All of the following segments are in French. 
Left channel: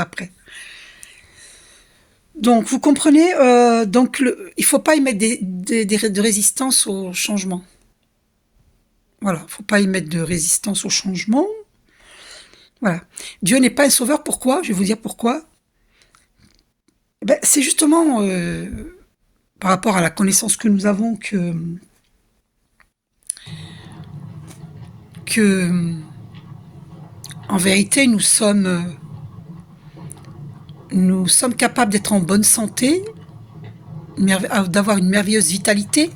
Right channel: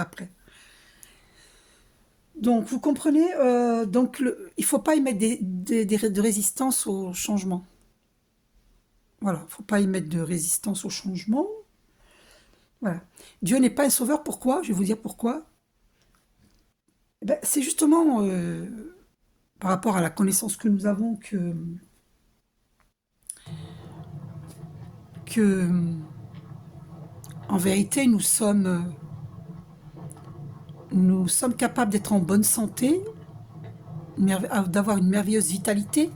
après. Donc, vous comprenez, il ne faut pas y mettre de résistance au changement. Voilà, il ne faut pas y mettre de résistance au changement. Voilà. Dieu n'est pas un sauveur, pourquoi? Je vais vous dire pourquoi. C'est justement par rapport à la connaissance que nous avons que en vérité, nous sommes capables d'être en bonne santé, d'avoir une merveilleuse vitalité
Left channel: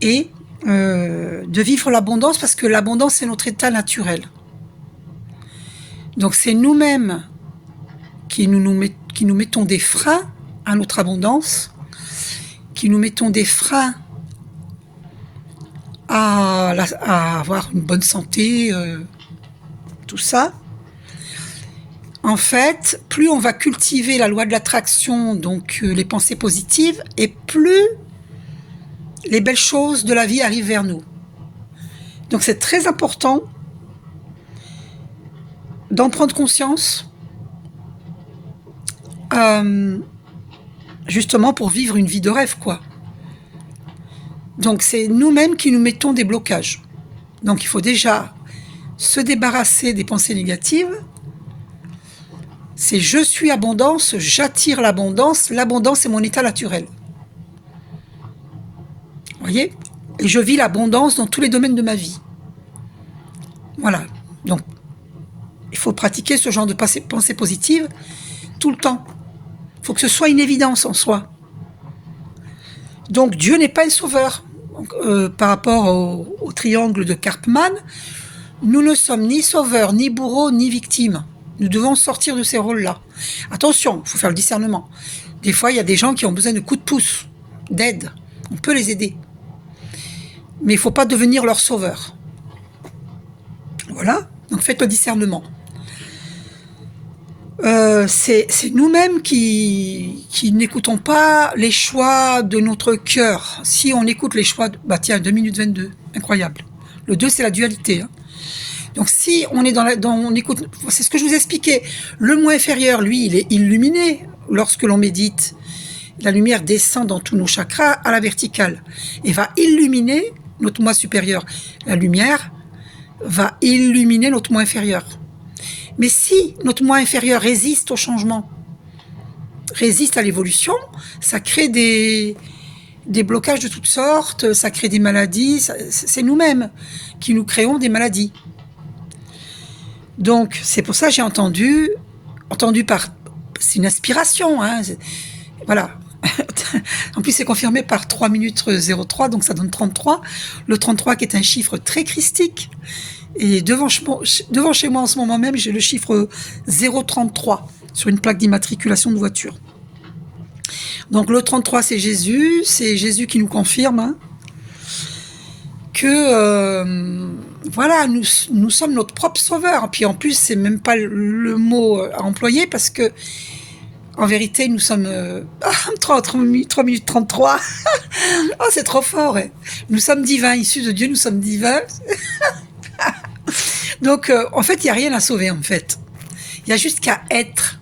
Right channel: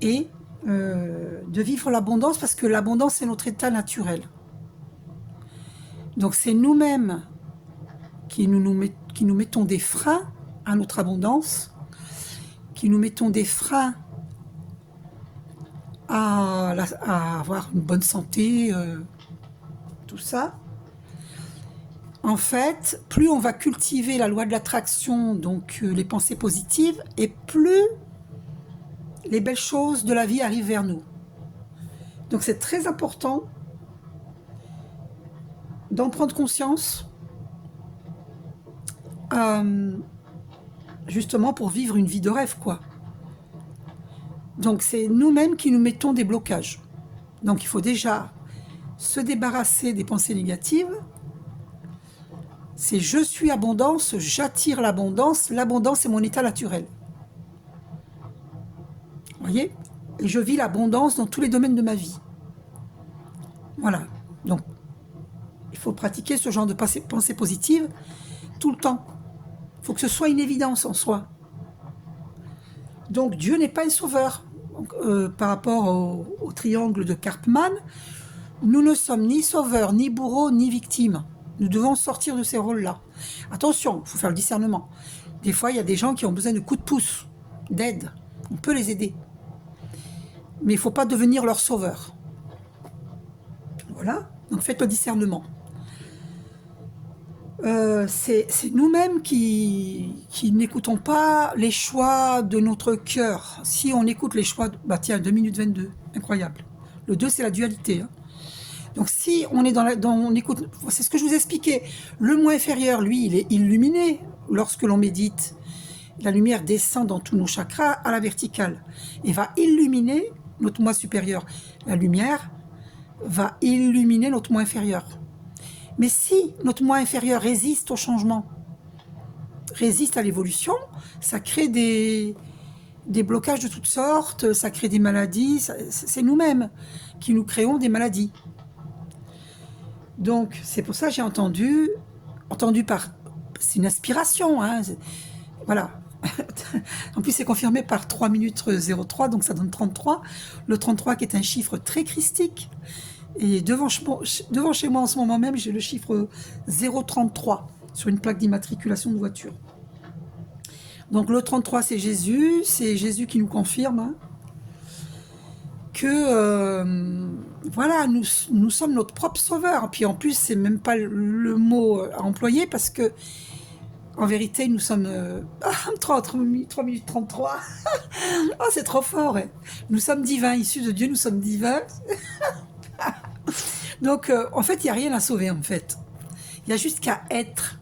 et de vivre l'abondance parce que l'abondance est notre état naturel. Donc c'est nous-mêmes qui nous mettons des freins à notre abondance, qui nous mettons des freins à avoir une bonne santé, tout ça. En fait, plus on va cultiver la loi de l'attraction, donc les pensées positives, et plus les belles choses de la vie arrivent vers nous. Donc c'est très important d'en prendre conscience, justement pour vivre une vie de rêve, quoi. Donc c'est nous-mêmes qui nous mettons des blocages. Donc il faut déjà se débarrasser des pensées négatives. C'est je suis abondance, j'attire l'abondance est mon état naturel. Vous voyez? Et je vis l'abondance dans tous les domaines de ma vie. Voilà. Donc, il faut pratiquer ce genre de pensée positive tout le temps. Il faut que ce soit une évidence en soi. Donc, Dieu n'est pas un sauveur. Donc, par rapport au triangle de Karpman, nous ne sommes ni sauveurs, ni bourreaux, ni victimes. Nous devons sortir de ces rôles-là. Attention, il faut faire le discernement. Des fois, il y a des gens qui ont besoin de coups de pouce, d'aide. On peut les aider. Mais il ne faut pas devenir leur sauveur. Voilà, donc faites le discernement. C'est nous-mêmes qui n'écoutons pas les choix de notre cœur. Si on écoute les choix... tiens, 2 minutes 22, incroyable. Le 2, c'est la dualité. Hein. Donc si on est on écoute... C'est ce que je vous expliquais. Le moi inférieur, lui, il est illuminé lorsque l'on médite. La lumière descend dans tous nos chakras à la verticale et va illuminer notre moi supérieur. La lumière va illuminer notre moi inférieur. Mais si notre moi inférieur résiste au changement, résiste à l'évolution, ça crée des blocages de toutes sortes, ça crée des maladies, c'est nous-mêmes qui nous créons des maladies. Donc, c'est pour ça que j'ai entendu par... C'est une inspiration, hein, voilà. En plus, c'est confirmé par 3 minutes 03, donc ça donne 33. Le 33 qui est un chiffre très christique. Et devant chez moi en ce moment même, j'ai le chiffre 033 sur une plaque d'immatriculation de voiture. Donc le 33, c'est Jésus qui nous confirme hein, que voilà, nous sommes notre propre sauveur. Puis en plus, c'est même pas le mot à employer parce que en vérité, nous sommes 3 minutes 33. Oh, c'est trop fort. Hein. Nous sommes divins, issus de Dieu, nous sommes divins. Donc, en fait, il n'y a rien à sauver, en fait. Il y a juste qu'à être.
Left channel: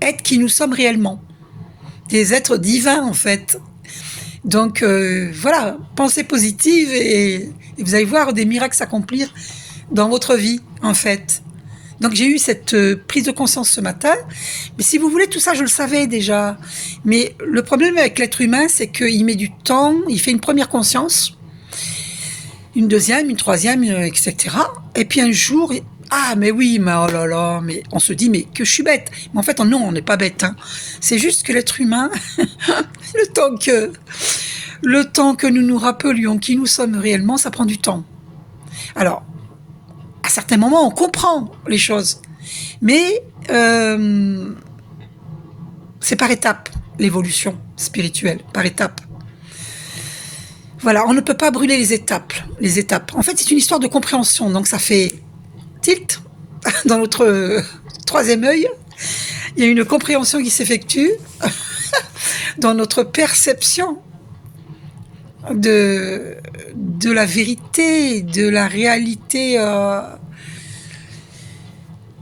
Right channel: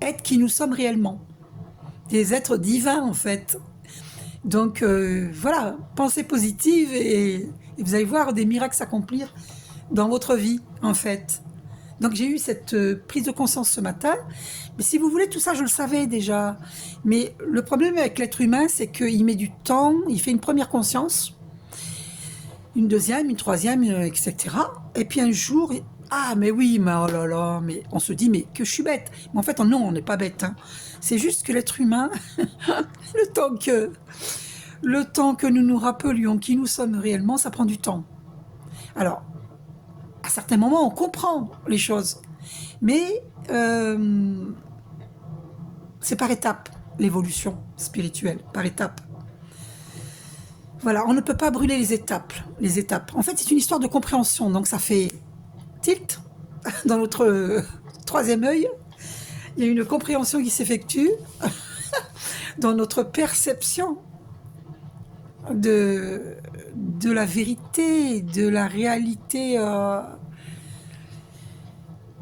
Être qui nous sommes réellement. Des êtres divins, en fait. Donc, voilà, pensez positive et vous allez voir des miracles s'accomplir dans votre vie, en fait. Donc, j'ai eu cette prise de conscience ce matin. Mais si vous voulez, tout ça, je le savais déjà. Mais le problème avec l'être humain, c'est qu'il met du temps, il fait une première conscience, une deuxième, une troisième, etc. Et puis un jour, mais oui, mais oh là là, mais on se dit, mais que je suis bête. Mais en fait, non, on n'est pas bête. Hein. C'est juste que l'être humain, le temps que nous nous rappelions qui nous sommes réellement, ça prend du temps. Alors, à certains moments, on comprend les choses. Mais c'est par étapes, l'évolution spirituelle, par étapes. Voilà, on ne peut pas brûler les étapes. En fait, c'est une histoire de compréhension. Donc, ça fait tilt dans notre troisième œil. Il y a une compréhension qui s'effectue dans notre perception de la vérité, de la réalité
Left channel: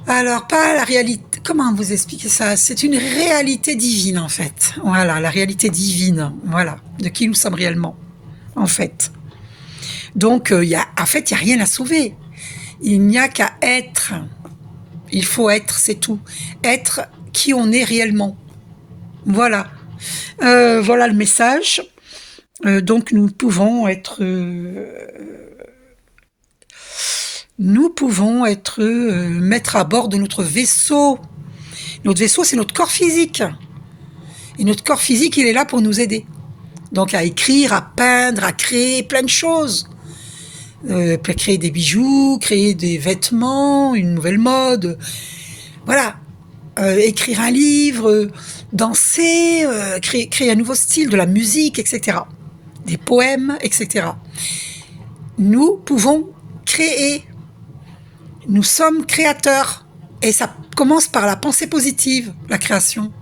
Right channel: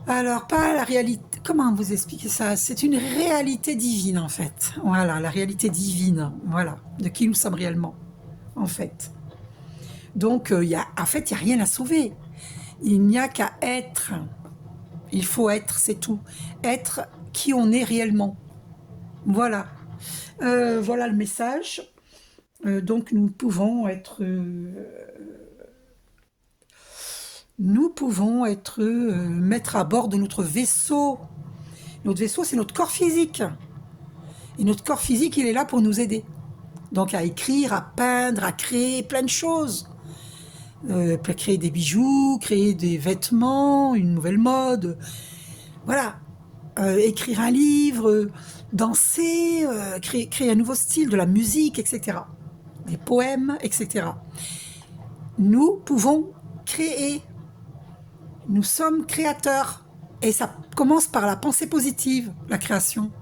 Alors, pas la réalité. Comment vous expliquer ça? C'est une réalité divine, en fait. Voilà, la réalité divine. Voilà, de qui nous sommes réellement, en fait. Donc, en fait, il n'y a rien à sauver. Il n'y a qu'à être. Il faut être, c'est tout. Être qui on est réellement. Voilà. Voilà le message. Donc, nous pouvons être mettre à bord de notre vaisseau. Notre vaisseau, c'est notre corps physique. Et notre corps physique, il est là pour nous aider. Donc à écrire, à peindre, à créer plein de choses. Créer des bijoux, créer des vêtements, une nouvelle mode. Voilà. Écrire un livre, danser, créer un nouveau style, de la musique, etc. Des poèmes, etc. Nous pouvons créer. Nous sommes créateurs. Et ça commence par la pensée positive, la création.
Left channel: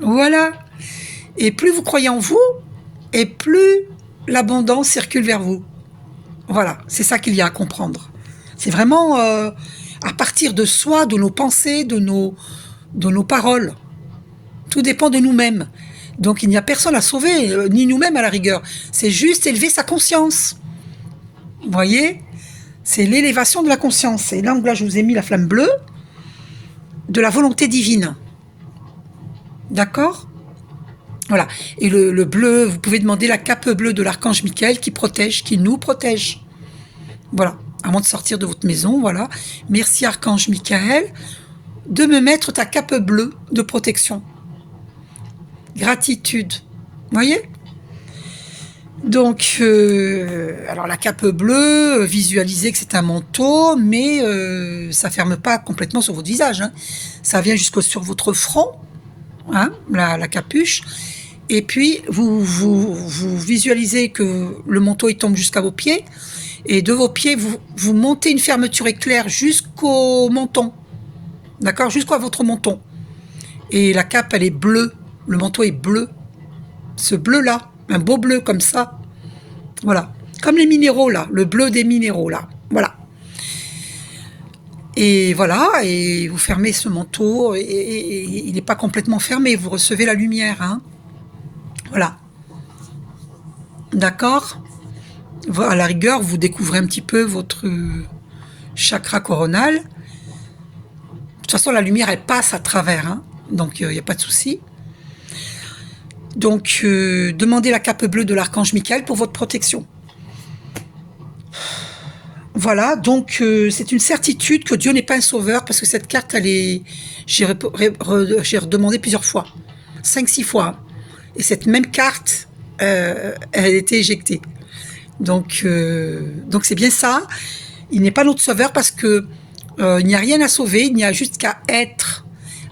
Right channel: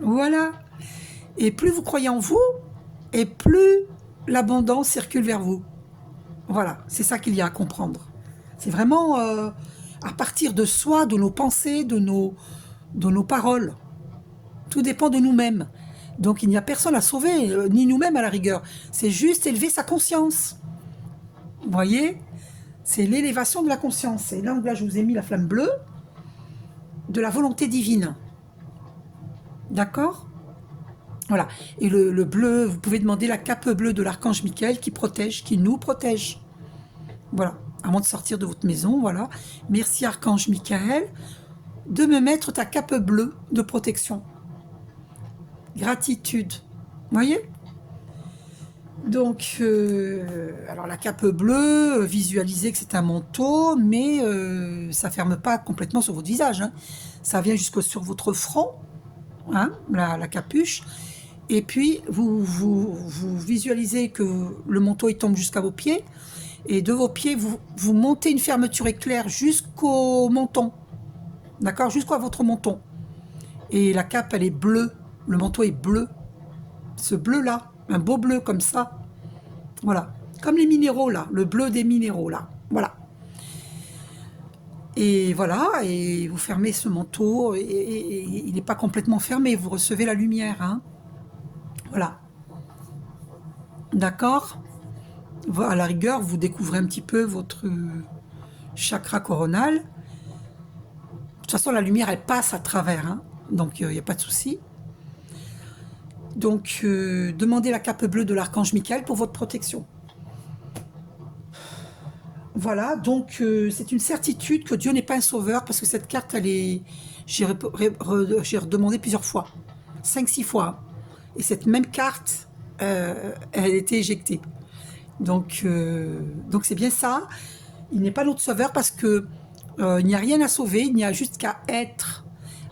Voilà. Et plus vous croyez en vous, et plus l'abondance circule vers vous. Voilà, c'est ça qu'il y a à comprendre. C'est vraiment à partir de soi, de nos pensées, de nos paroles. Tout dépend de nous-mêmes. Donc il n'y a personne à sauver, ni nous-mêmes à la rigueur. C'est juste élever sa conscience. Vous voyez? C'est l'élévation de la conscience. Et là, je vous ai mis la flamme bleue de la volonté divine. D'accord? Voilà. Et le bleu, vous pouvez demander la cape bleue de l'archange Michael qui protège, qui nous protège. Voilà. Avant de sortir de votre maison, voilà. Merci archange Michael de me mettre ta cape bleue de protection. Gratitude. Vous voyez? Donc, alors la cape bleue, visualisez que c'est un manteau, mais ça ferme pas complètement sur votre visage. Hein. Ça vient sur votre front, hein, la capuche. Et puis, vous visualisez que le manteau il tombe jusqu'à vos pieds. Et de vos pieds, vous montez une fermeture éclair jusqu'au menton. D'accord? Jusqu'à votre menton. Et la cape, elle est bleue. Le manteau est bleu. Ce bleu-là, un beau bleu comme ça. Voilà. Comme les minéraux, là. Le bleu des minéraux, là. Voilà. Et voilà, et vous fermez ce manteau. Et il n'est pas complètement fermé. Vous recevez la lumière, hein. Voilà. D'accord? À la rigueur, vous découvrez un petit peu votre chakra coronal. De toute façon, la lumière, elle passe à travers, hein, donc il n'y a pas de souci. Donc, demandez la cape bleue de l'archange Michael pour votre protection. Voilà, donc c'est une certitude que Dieu n'est pas un sauveur, parce que cette carte, j'ai redemandé plusieurs fois, 5-6 fois, hein. Et cette même carte, elle a été éjectée. Donc c'est bien ça. Il n'est pas notre sauveur parce que il n'y a rien à sauver, il n'y a juste qu'à être,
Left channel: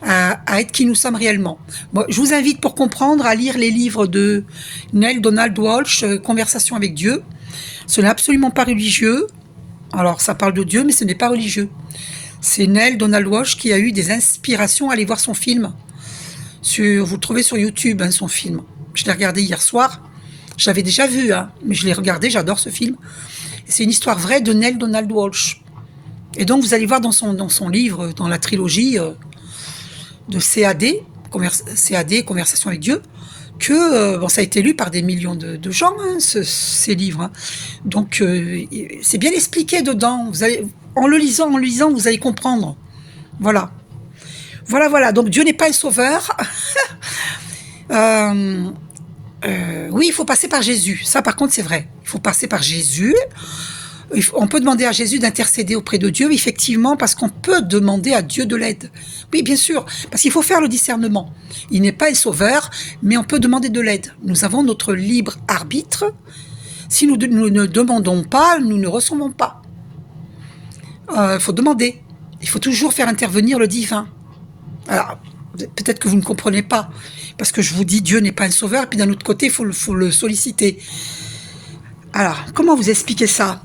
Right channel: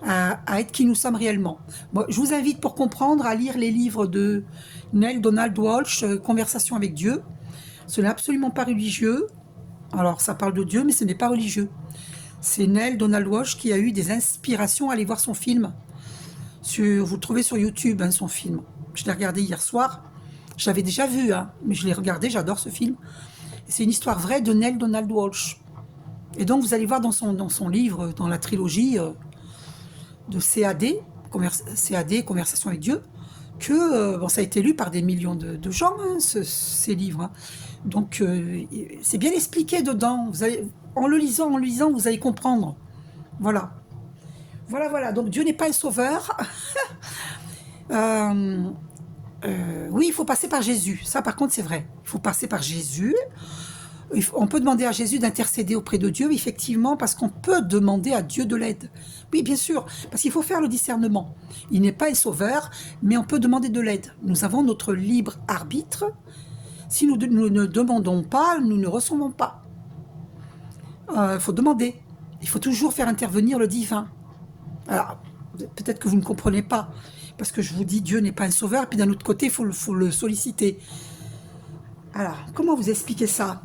à être qui nous sommes réellement. Bon, je vous invite pour comprendre à lire les livres de Neale Donald Walsch, Conversation avec Dieu. Ce n'est absolument pas religieux. Alors ça parle de Dieu, mais ce n'est pas religieux. C'est Neale Donald Walsch qui a eu des inspirations à aller voir son film. Vous le trouvez sur YouTube, hein, son film. Je l'ai regardé hier soir. Je l'avais déjà vu, hein, mais je l'ai regardé, j'adore ce film. C'est une histoire vraie de Neale Donald Walsch. Et donc, vous allez voir dans son livre, dans la trilogie de CAD, Conversation avec Dieu, que ça a été lu par des millions de gens, hein, ces livres. Hein. Donc, c'est bien expliqué dedans. En le lisant, vous allez comprendre. Voilà. Voilà. Donc, Dieu n'est pas un sauveur. Oui, il faut passer par Jésus. Ça, par contre, c'est vrai. Il faut passer par Jésus. On peut demander à Jésus d'intercéder auprès de Dieu, effectivement, parce qu'on peut demander à Dieu de l'aide. Oui, bien sûr, parce qu'il faut faire le discernement. Il n'est pas un sauveur, mais on peut demander de l'aide. Nous avons notre libre arbitre. Si nous ne demandons pas, nous ne recevons pas. Il faut demander. Il faut toujours faire intervenir le divin. Alors, peut-être que vous ne comprenez pas, parce que je vous dis Dieu n'est pas un sauveur, et puis d'un autre côté, il faut le solliciter. Alors, comment vous expliquer ça?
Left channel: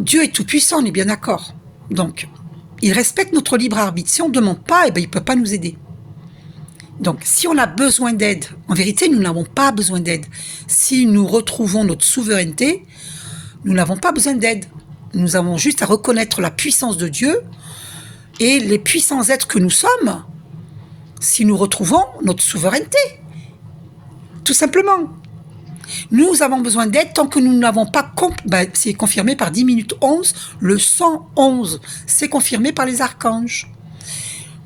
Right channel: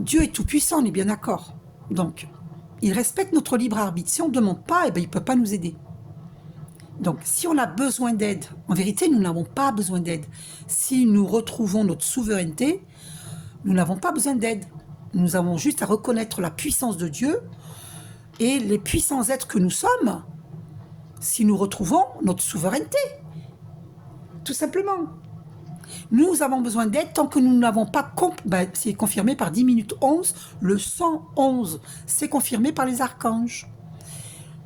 Dieu est tout puissant, on est bien d'accord. Donc, il respecte notre libre arbitre. Si on ne demande pas, il ne peut pas nous aider. Donc, si on a besoin d'aide, en vérité, nous n'avons pas besoin d'aide. Si nous retrouvons notre souveraineté, nous n'avons pas besoin d'aide. Nous avons juste à reconnaître la puissance de Dieu et les puissants êtres que nous sommes si nous retrouvons notre souveraineté. Tout simplement. Nous avons besoin d'aide tant que nous n'avons pas... c'est confirmé par 10 minutes 11, le 111. C'est confirmé par les archanges.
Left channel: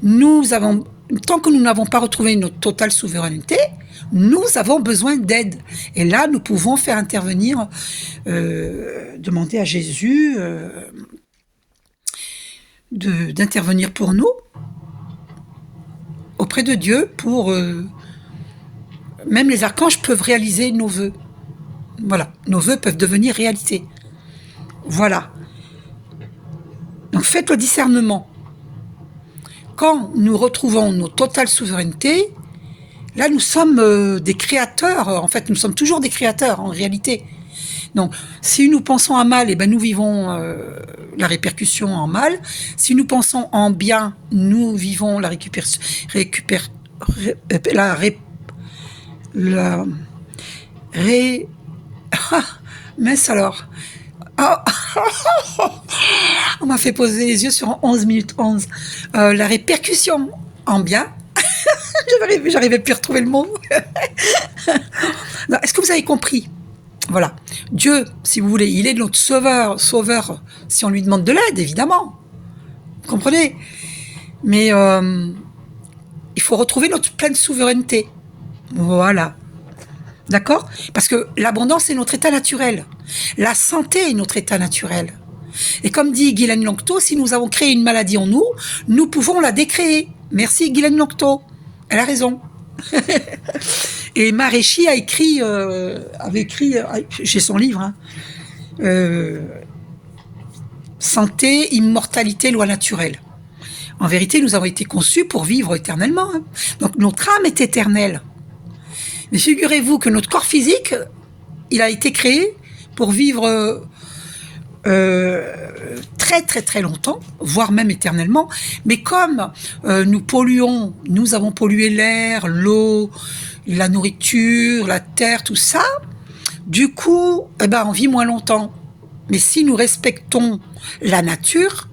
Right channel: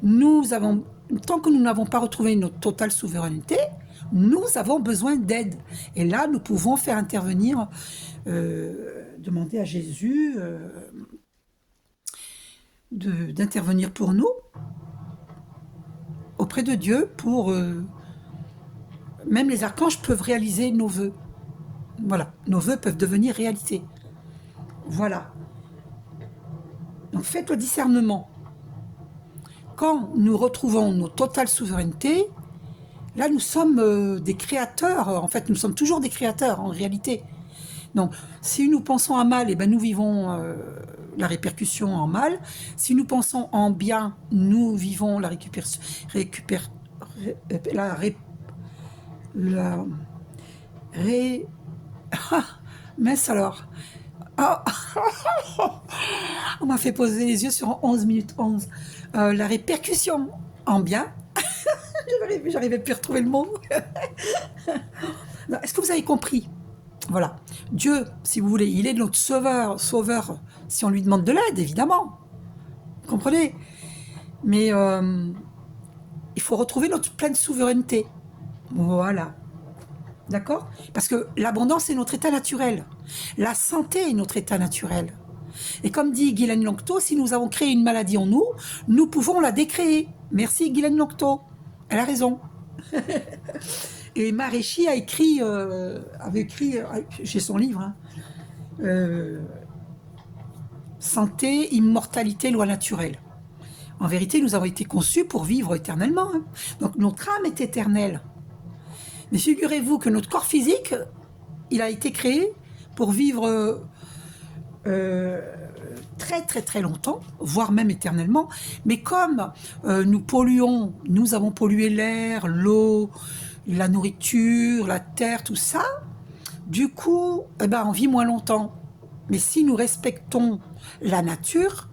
Tant que nous n'avons pas retrouvé notre totale souveraineté, nous avons besoin d'aide. Et là, nous pouvons faire intervenir, demander à Jésus d'intervenir pour nous, auprès de Dieu, pour... même les archanges peuvent réaliser nos vœux. Voilà, nos vœux peuvent devenir réalité. Voilà. Donc faites le discernement. Quand nous retrouvons notre totale souveraineté, là nous sommes des créateurs. En fait, nous sommes toujours des créateurs en réalité. Donc, si nous pensons à mal, nous vivons la répercussion en mal. Si nous pensons en bien, nous vivons la mince alors. On m'a fait poser les yeux sur 11 minutes 11. La répercussion en bien. J'arrivais plus à retrouver le mot. Est-ce que vous avez compris? Voilà. Dieu, si vous voulez, il est notre sauveur si on lui demande de l'aide, évidemment. Vous comprenez? Mais il faut retrouver notre pleine souveraineté. Voilà. D'accord? Parce que l'abondance est notre état naturel. La santé est notre état naturel. Et comme dit Guylaine Longto, si nous avons créé une maladie en nous, nous pouvons la décréer. Merci Guylaine Longto. Elle a raison. Et Maréchi avait écrit, j'ai son livre, Santé, immortalité, loi naturelle. En vérité, nous avons été conçus pour vivre éternellement. Donc notre âme est éternelle. Mais figurez-vous que notre corps physique, il a été créé pour vivre très très très longtemps, voire même éternellement. Mais comme nous avons pollué l'air, l'eau, la nourriture, la terre, tout ça, du coup, on vit moins longtemps. Mais si nous respectons la nature,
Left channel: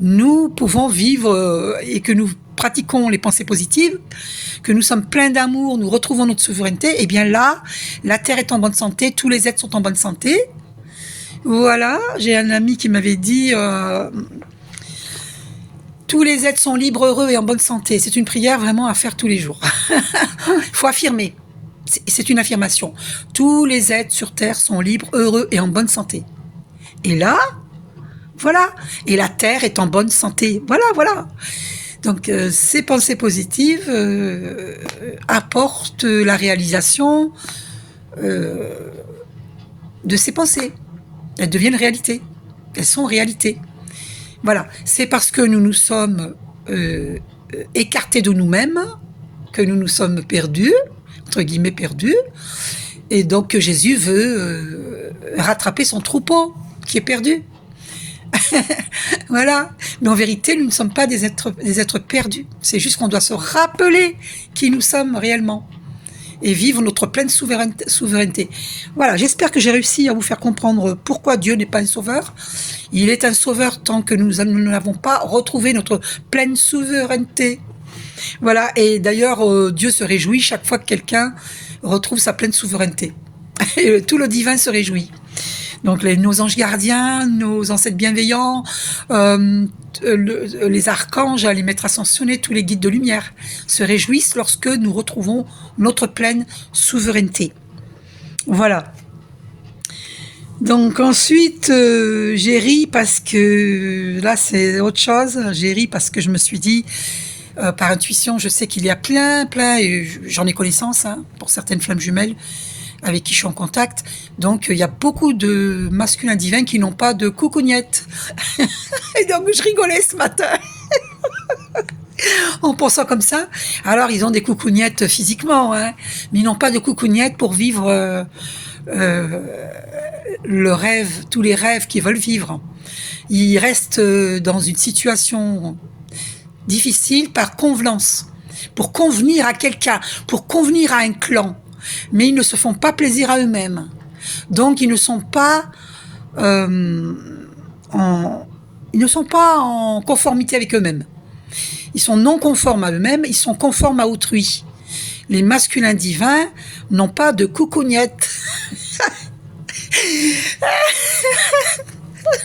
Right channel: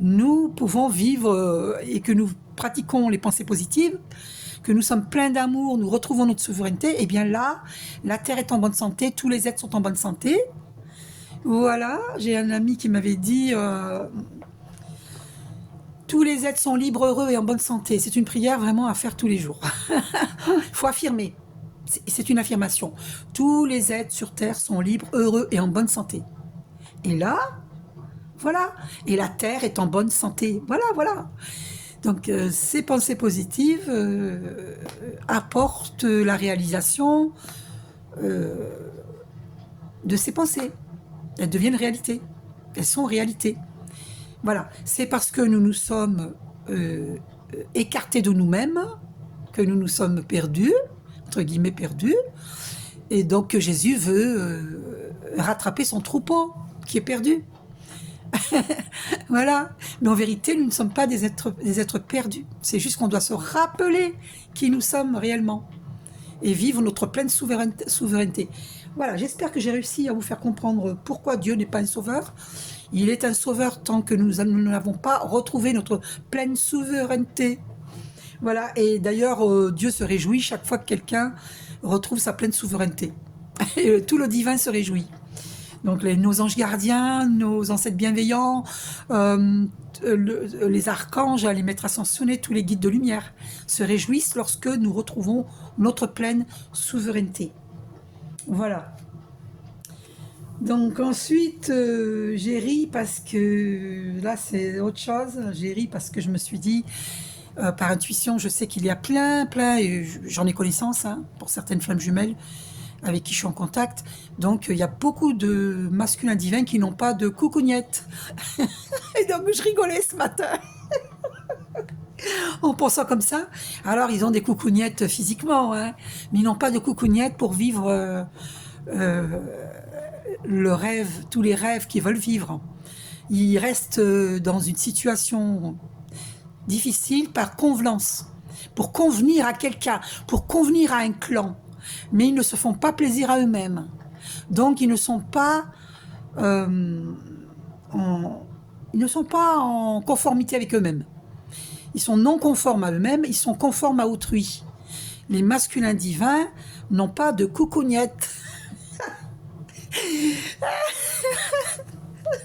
nous pouvons vivre et que nous pratiquons les pensées positives, que nous sommes pleins d'amour, nous retrouvons notre souveraineté, et bien là, la terre est en bonne santé, tous les êtres sont en bonne santé. Voilà, j'ai un ami qui m'avait dit tous les êtres sont libres, heureux et en bonne santé. C'est une prière vraiment à faire tous les jours. Il faut affirmer. C'est une affirmation. Tous les êtres sur terre sont libres, heureux et en bonne santé. Et là, voilà. Et la terre est en bonne santé. Voilà. Donc, ces pensées positives apportent la réalisation de ces pensées. Elles deviennent réalité. Elles sont réalité. Voilà. C'est parce que nous nous sommes écartés de nous-mêmes que nous nous sommes perdus, entre guillemets perdus. Et donc, Jésus veut rattraper son troupeau qui est perdu. Voilà. Mais en vérité, nous ne sommes pas des êtres perdus. C'est juste qu'on doit se rappeler qui nous sommes réellement et vivre notre pleine souveraineté. Voilà, j'espère que j'ai réussi à vous faire comprendre pourquoi Dieu n'est pas un sauveur. Il est un sauveur tant que nous n'avons pas retrouvé notre pleine souveraineté. Voilà, et d'ailleurs, Dieu se réjouit chaque fois que quelqu'un retrouve sa pleine souveraineté. Et tout le divin se réjouit. Donc nos anges gardiens, nos ancêtres bienveillants, les archanges, les maîtres ascensionnés, tous les guides de lumière se réjouissent lorsque nous retrouvons notre pleine souveraineté. Voilà. Donc ensuite, j'ai ri parce que, là c'est autre chose, j'ai ri parce que je me suis dit, par intuition, je sais qu'il y a plein, et j'en ai connaissance, pour certaines flammes jumelles, avec qui je suis en contact. Donc, il y a beaucoup de masculins divins qui n'ont pas de coucougnette. Et donc, je rigolais ce matin. En pensant comme ça. Alors, ils ont des coucougnettes physiquement, mais ils n'ont pas de coucougnette pour vivre le rêve, tous les rêves qu'ils veulent vivre. Ils restent dans une situation difficile par convenance, pour convenir à quelqu'un, pour convenir à un clan. Mais ils ne se font pas plaisir à eux-mêmes. Donc, ils ne sont pas ils ne sont pas en conformité avec eux-mêmes. Ils sont non conformes à eux-mêmes, ils sont conformes à autrui. Les masculins divins n'ont pas de coucougnette.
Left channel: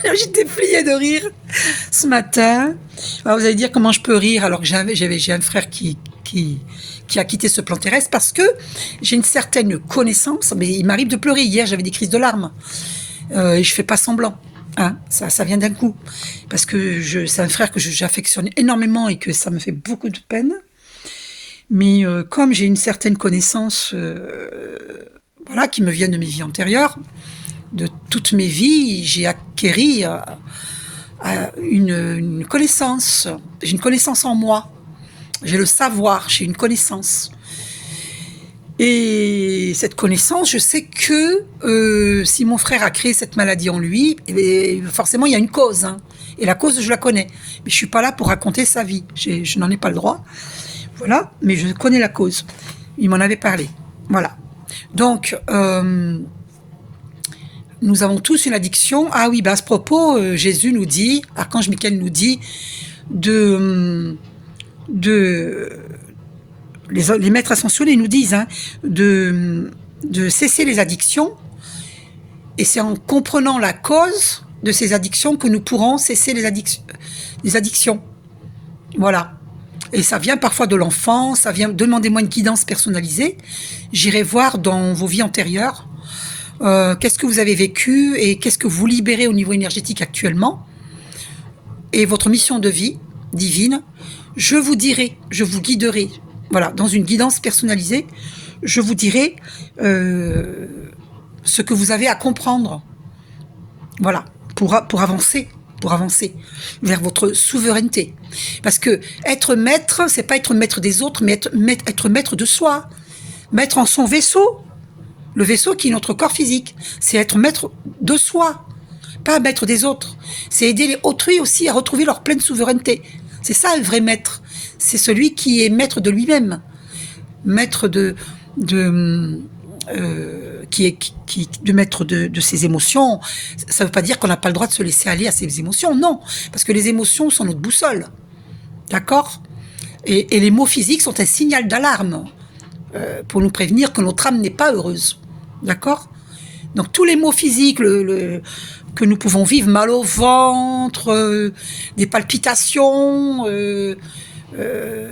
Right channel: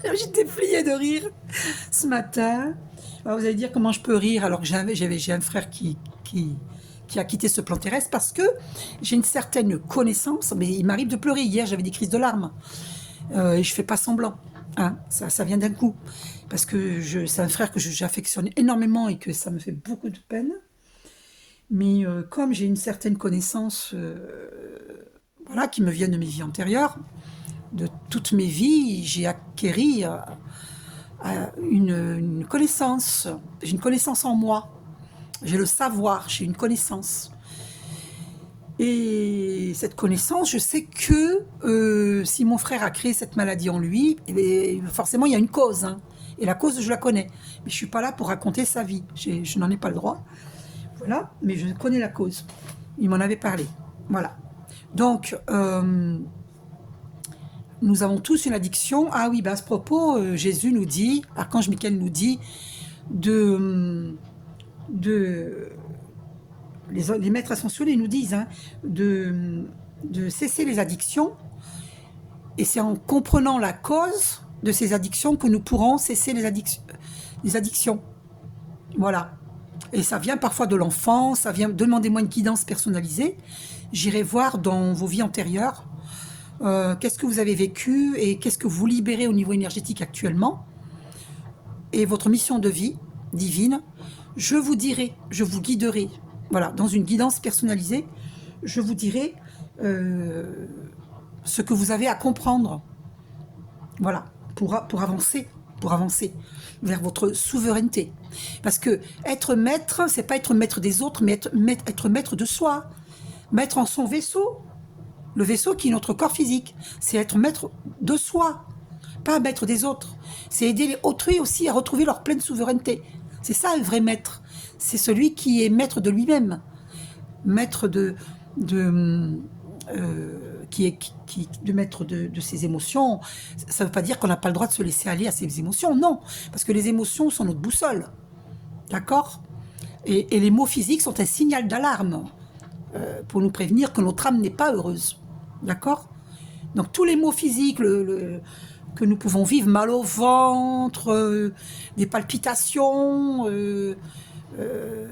J'étais pliée de rire ce matin. Alors vous allez dire comment je peux rire alors que j'ai un frère qui a quitté ce plan terrestre parce que j'ai une certaine connaissance, mais il m'arrive de pleurer. Hier, j'avais des crises de larmes. Et je fais pas semblant. Hein, ça vient d'un coup. Parce que c'est un frère que j'affectionne énormément et que ça me fait beaucoup de peine. Mais comme j'ai une certaine connaissance voilà, qui me vient de mes vies antérieures, de toutes mes vies, j'ai acquéri une connaissance. J'ai une connaissance en moi. J'ai le savoir, j'ai une connaissance. Et cette connaissance, je sais que si mon frère a créé cette maladie en lui, forcément il y a une cause. Hein. Et la cause, je la connais. Mais je ne suis pas là pour raconter sa vie. Je n'en ai pas le droit. Voilà, mais je connais la cause. Il m'en avait parlé. Voilà. Donc, nous avons tous une addiction. Ah oui, à ce propos, Jésus nous dit, Archange Michael nous dit les maîtres ascensionnés nous disent de cesser les addictions, et c'est en comprenant la cause de ces addictions que nous pourrons cesser les addictions. Voilà. Et ça vient parfois de l'enfant, ça vient, demandez-moi une guidance personnalisée, j'irai voir dans vos vies antérieures qu'est-ce que vous avez vécu et qu'est-ce que vous libérez au niveau énergétique actuellement, et votre mission de vie divine, je vous dirai, je vous guiderai. Voilà, dans une guidance personnalisée, je vous dirai ce que vous avez à comprendre. Voilà, pour avancer vers votre souveraineté. Parce que être maître, c'est pas être maître des autres, mais être maître de soi. Maître en son vaisseau. Le vaisseau qui est notre corps physique. C'est être maître de soi, pas maître des autres. C'est aider les autrui aussi à retrouver leur pleine souveraineté. C'est ça le vrai maître. C'est celui qui est maître de lui-même, maître de ses émotions. Ça ne veut pas dire qu'on n'a pas le droit de se laisser aller à ses émotions, non, parce que les émotions sont notre boussole, d'accord, et les mots physiques sont un signal d'alarme pour nous prévenir que notre âme n'est pas heureuse, d'accord. Donc tous les mots physiques que nous pouvons vivre, mal au ventre, des palpitations,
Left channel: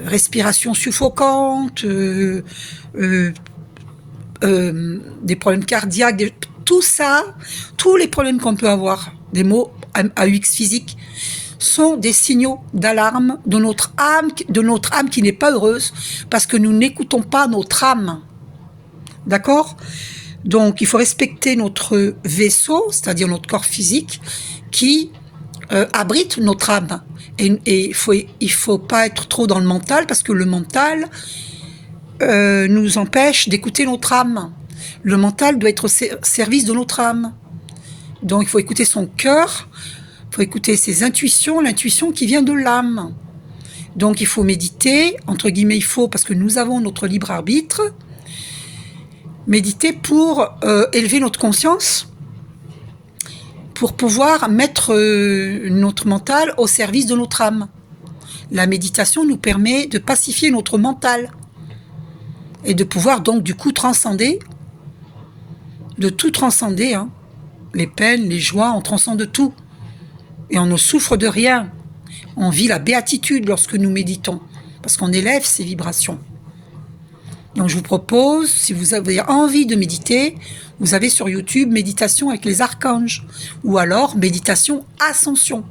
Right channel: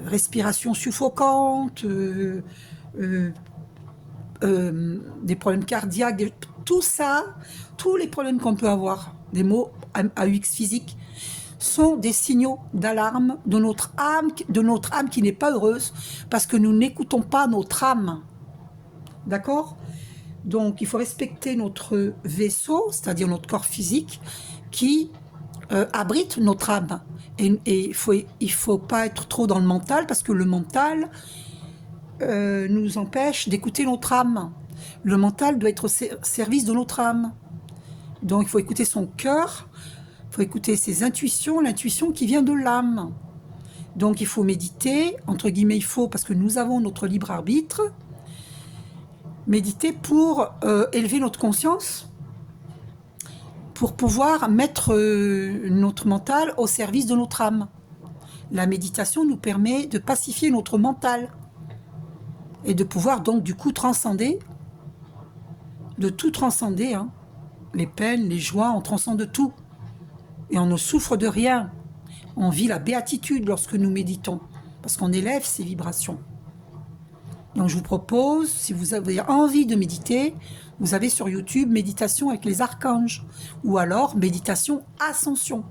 respiration suffocante, des problèmes cardiaques, tout ça, tous les problèmes qu'on peut avoir, des mots AUX physiques, sont des signaux d'alarme de notre âme qui n'est pas heureuse parce que nous n'écoutons pas notre âme. D'accord ? Donc il faut respecter notre vaisseau, c'est-à-dire notre corps physique, qui abrite notre âme. Et il faut pas être trop dans le mental, parce que le mental nous empêche d'écouter notre âme. Le mental doit être au service de notre âme. Donc il faut écouter son cœur, il faut écouter ses intuitions, l'intuition qui vient de l'âme. Donc il faut méditer, entre guillemets il faut, parce que nous avons notre libre arbitre, méditer pour élever notre conscience, pour pouvoir mettre notre mental au service de notre âme. La méditation nous permet de pacifier notre mental et de pouvoir donc du coup transcender, de tout transcender, hein. Les peines, les joies, on transcende tout. Et on ne souffre de rien. On vit la béatitude lorsque nous méditons, parce qu'on élève ces vibrations. Donc je vous propose, si vous avez envie de méditer, vous avez sur YouTube méditation avec les archanges, ou alors méditation ascension.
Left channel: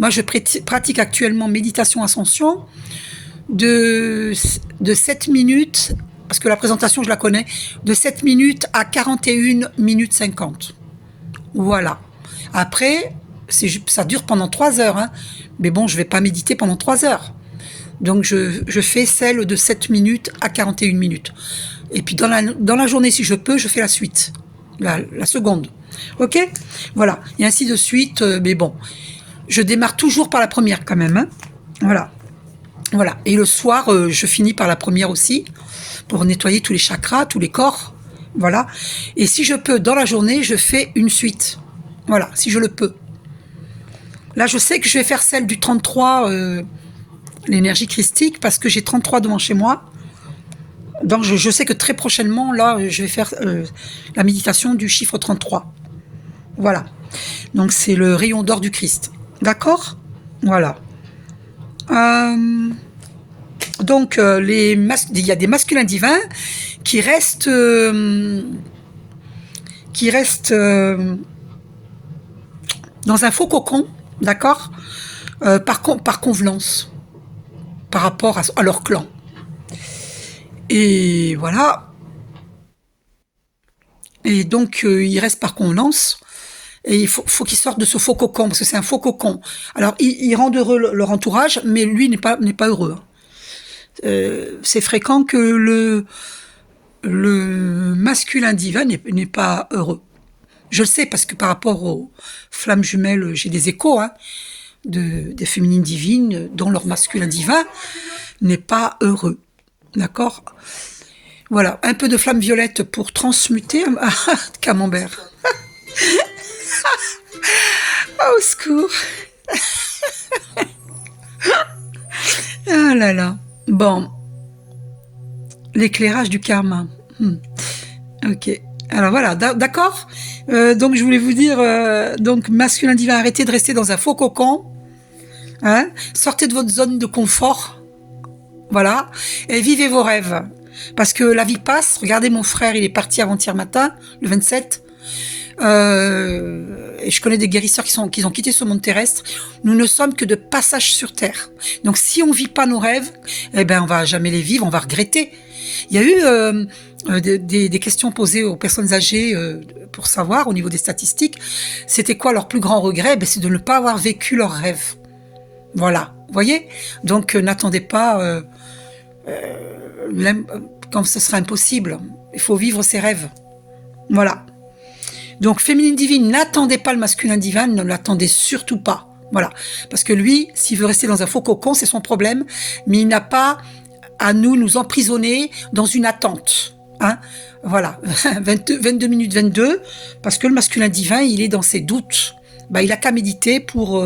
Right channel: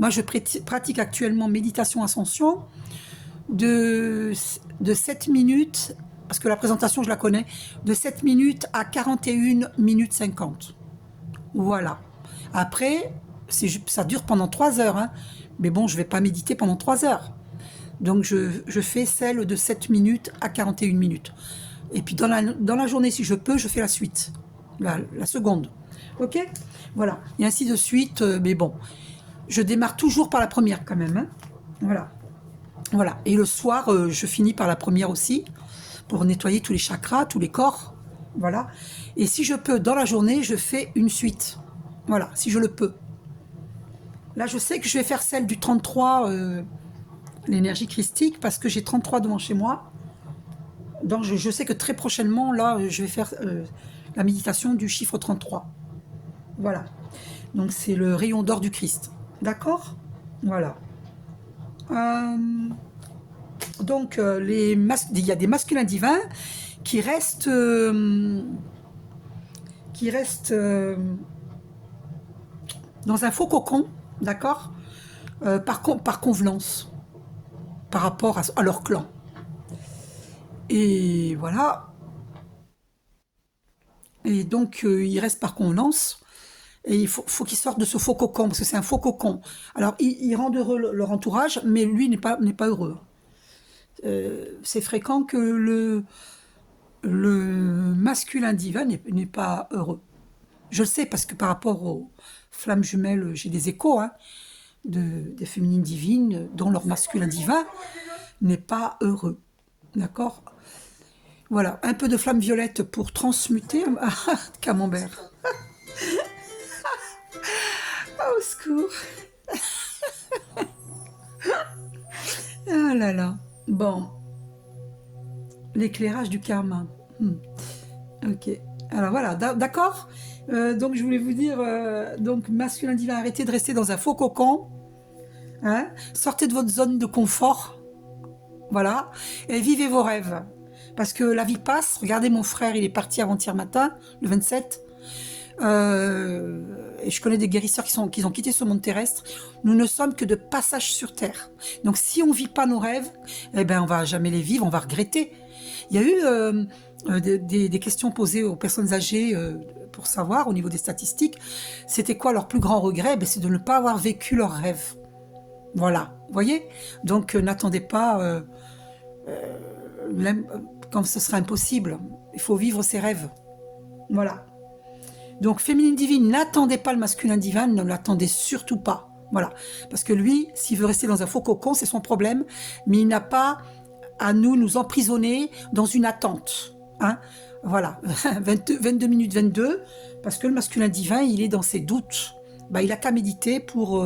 Moi je pratique actuellement méditation ascension de 7 minutes, parce que la présentation je la connais, de 7 minutes à 41 minutes 50. Voilà. Après, ça dure pendant 3 heures, hein. Mais bon, je ne vais pas méditer pendant 3 heures. Donc je fais celle de 7 minutes à 41 minutes. Et puis dans la journée, si je peux, je fais la suite, la seconde. Ok ? Voilà. Et ainsi de suite. Mais bon, je démarre toujours par la première quand même. Hein. Voilà. Voilà. Et le soir, je finis par la première aussi, pour nettoyer tous les chakras, tous les corps. Voilà. Et si je peux, dans la journée, je fais une suite. Voilà, si je le peux. Là, je sais que je vais faire celle du 33, l'énergie christique, parce que j'ai 33 devant chez moi. Donc, je sais que très prochainement, là, je vais faire la méditation du chiffre 33. Voilà. Donc, c'est le rayon d'or du Christ. D'accord? Voilà. Donc, il y a des masculins divins qui restent, dans un faux cocon, d'accord, par convenance, par rapport à leur clan. Et voilà. Et donc, ils restent par convenance. Et il faut qu'ils sortent de ce faux cocon, parce que c'est un faux cocon. Alors, ils rendent heureux leur entourage, mais lui n'est pas heureux. C'est fréquent que le masculin divin n'est pas heureux. Je le sais parce que par rapport aux flammes jumelles, j'ai des échos des féminines divines dont leur masculin divin n'est pas heureux. D'accord? Voilà, un peu de flamme violette pour transmuter. Camembert. Au secours. Ah là là. Bon. L'éclairage du karma. Ok. Alors voilà, d'accord. Donc je voulais vous dire, donc masculin divin, arrêtez de rester dans un faux cocon. Hein, sortez de votre zone de confort. Voilà. Et vivez vos rêves. Parce que la vie passe. Regardez mon frère, il est parti avant-hier matin, le 27. Et je connais des guérisseurs qui ont quitté ce monde terrestre. Nous ne sommes que de passage sur Terre. Donc si on vit pas nos rêves, eh ben on va jamais les vivre, on va regretter. Il y a eu des questions posées aux personnes âgées pour savoir au niveau des statistiques, c'était quoi leur plus grand regret? Ben, c'est de ne pas avoir vécu leurs rêves. Voilà, vous voyez? Donc n'attendez pas quand ce sera impossible. Il faut vivre ses rêves. Voilà. Donc, féminine divine, n'attendez pas le masculin divin, ne l'attendez surtout pas. Voilà. Parce que lui, s'il veut rester dans un faux cocon, c'est son problème, mais il n'a pas à nous emprisonner dans une attente. Hein, voilà. 22 minutes 22, parce que le masculin divin, il est dans ses doutes. Bah, il a qu'à méditer pour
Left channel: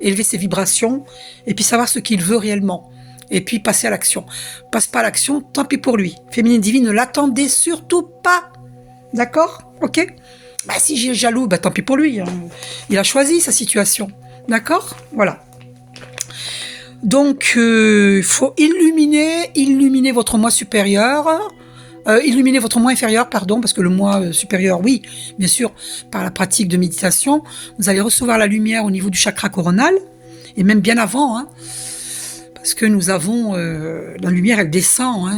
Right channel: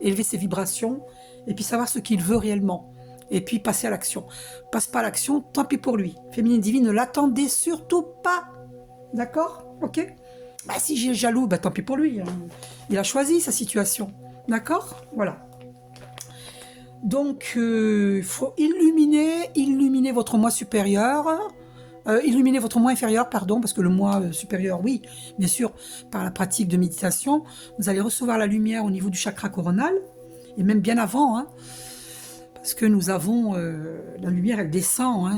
élever ses vibrations et puis savoir ce qu'il veut réellement. Et puis passer à l'action. Passe pas à l'action, tant pis pour lui. Féminine divine, ne l'attendez surtout pas. D'accord? Ok? Bah, si j'ai jaloux, bah, tant pis pour lui. Hein. Il a choisi sa situation. D'accord? Voilà. Donc, il faut illuminer votre moi supérieur. Illuminer votre moi inférieur, pardon, parce que le moi supérieur, oui, bien sûr, par la pratique de méditation, vous allez recevoir la lumière au niveau du chakra coronal, et même bien avant, hein, parce que nous avons, la lumière, elle descend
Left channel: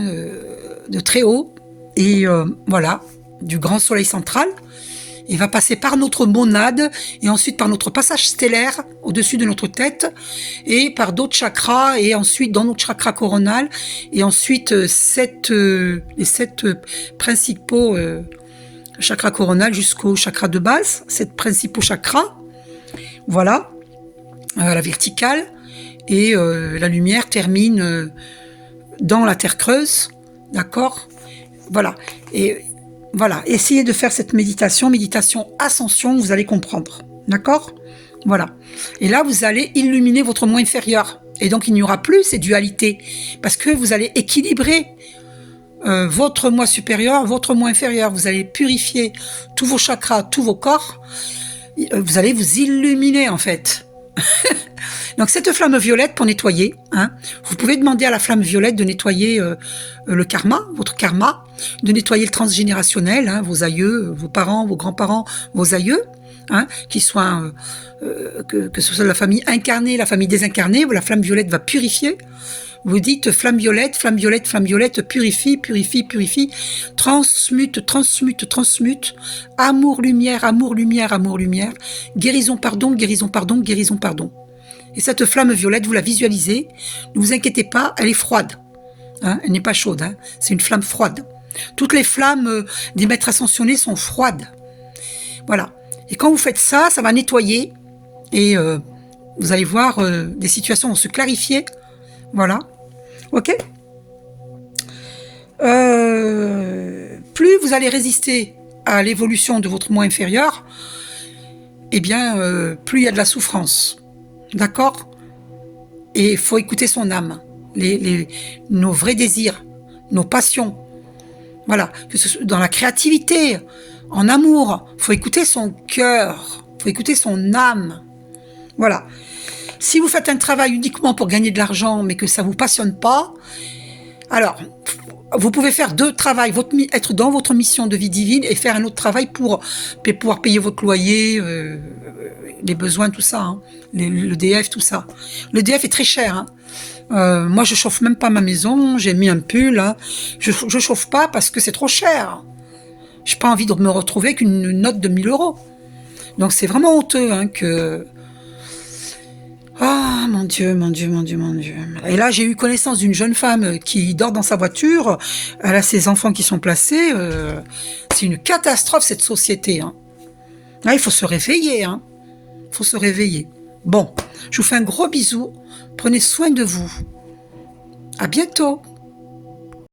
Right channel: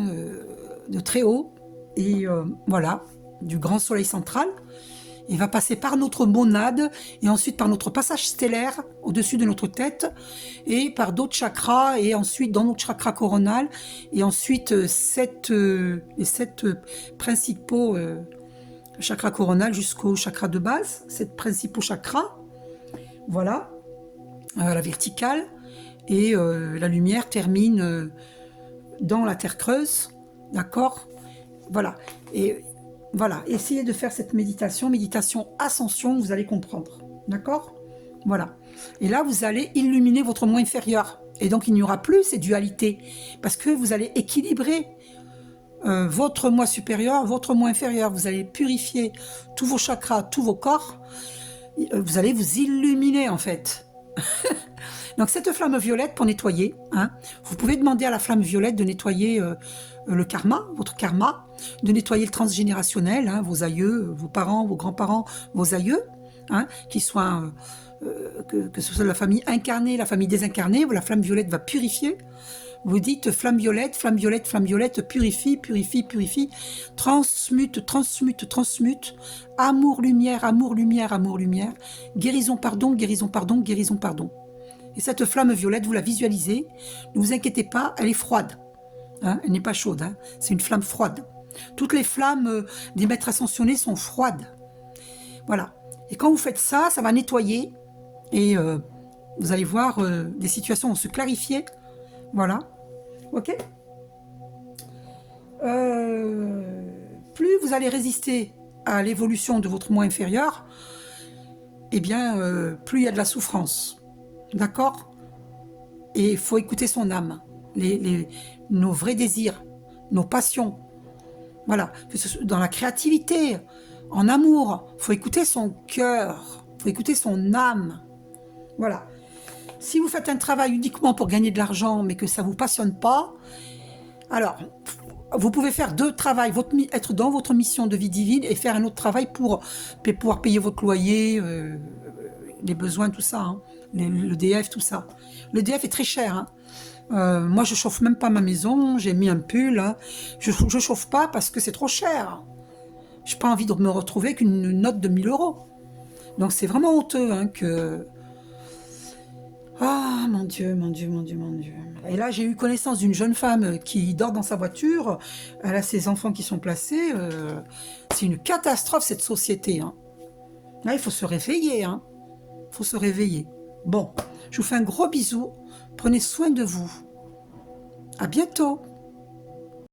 de très haut, et voilà, du grand soleil central, et va passer par notre monade, et ensuite par notre passage stellaire au-dessus de notre tête, et par d'autres chakras, et ensuite dans notre chakra coronal, et ensuite les 7 principaux chakras coronal jusqu'au chakra de base, 7 principaux chakras, voilà, la verticale, et la lumière termine dans la terre creuse, d'accord, voilà, et voilà, essayez de faire cette méditation ascension, vous allez comprendre, d'accord, voilà, et là vous allez illuminer votre moi inférieur, et donc il n'y aura plus ces dualités, parce que vous allez équilibrer votre moi supérieur, votre moi inférieur, vous allez purifier tous vos chakras, tous vos corps, vous allez vous illuminer en fait. Donc cette flamme violette pour nettoyer, hein, vous pouvez demander à la flamme violette de nettoyer le karma, votre karma, de nettoyer le transgénérationnel, hein, vos aïeux, vos parents, vos grands-parents, vos aïeux, hein, qu'ils soient, que ce soit la famille incarnée, la famille désincarnée, la flamme violette va purifier. Vous dites flamme violette, flamme violette, flamme violette, purifie, purifie, purifie, transmute, transmute, transmute, amour, lumière, amour, lumière, amour, lumière, guérison, pardon, guérison, pardon, guérison, pardon. Et cette flamme violette, vous la visualisez, ne vous inquiétez pas, elle est froide. Hein, elle n'est pas chaude, hein, c'est une flamme froide. Toutes les flammes des maîtres ascensionnés sont froides. Voilà. Et quand vous faites ça, ça va nettoyer et vous allez voir, des situations vont se clarifier. Voilà. Ok. Plus vous allez résister à l'évolution de votre moi inférieur, eh bien, plus il y a de la souffrance. d'accord? Et il faut écouter son âme, nos vrais désirs, nos passions. Voilà, que ce soit dans la créativité, en amour, il faut écouter son cœur, il faut écouter son âme. Voilà. Si vous faites un travail uniquement pour gagner de l'argent, mais que ça ne vous passionne pas, alors, vous pouvez faire deux travails, être dans votre mission de vie divine et faire un autre travail pour pouvoir payer votre loyer, les besoins, tout ça, hein, l'EDF, tout ça. L'EDF est très cher. Hein. Moi, je chauffe même pas ma maison, j'ai mis un pull. Hein. Je chauffe pas parce que c'est trop cher. J'ai pas envie de me retrouver avec une note de 1000 euros. Donc c'est vraiment honteux hein, que... Ah, mon Dieu, mon Dieu, mon Dieu, mon Dieu. Et là, j'ai eu connaissance d'une jeune femme qui dort dans sa voiture. Elle a ses enfants qui sont placés. C'est une catastrophe, cette société. Hein. Là, il faut se réveiller. Hein. Il faut se réveiller. Bon, je vous fais un gros bisou. Prenez soin de vous. À bientôt.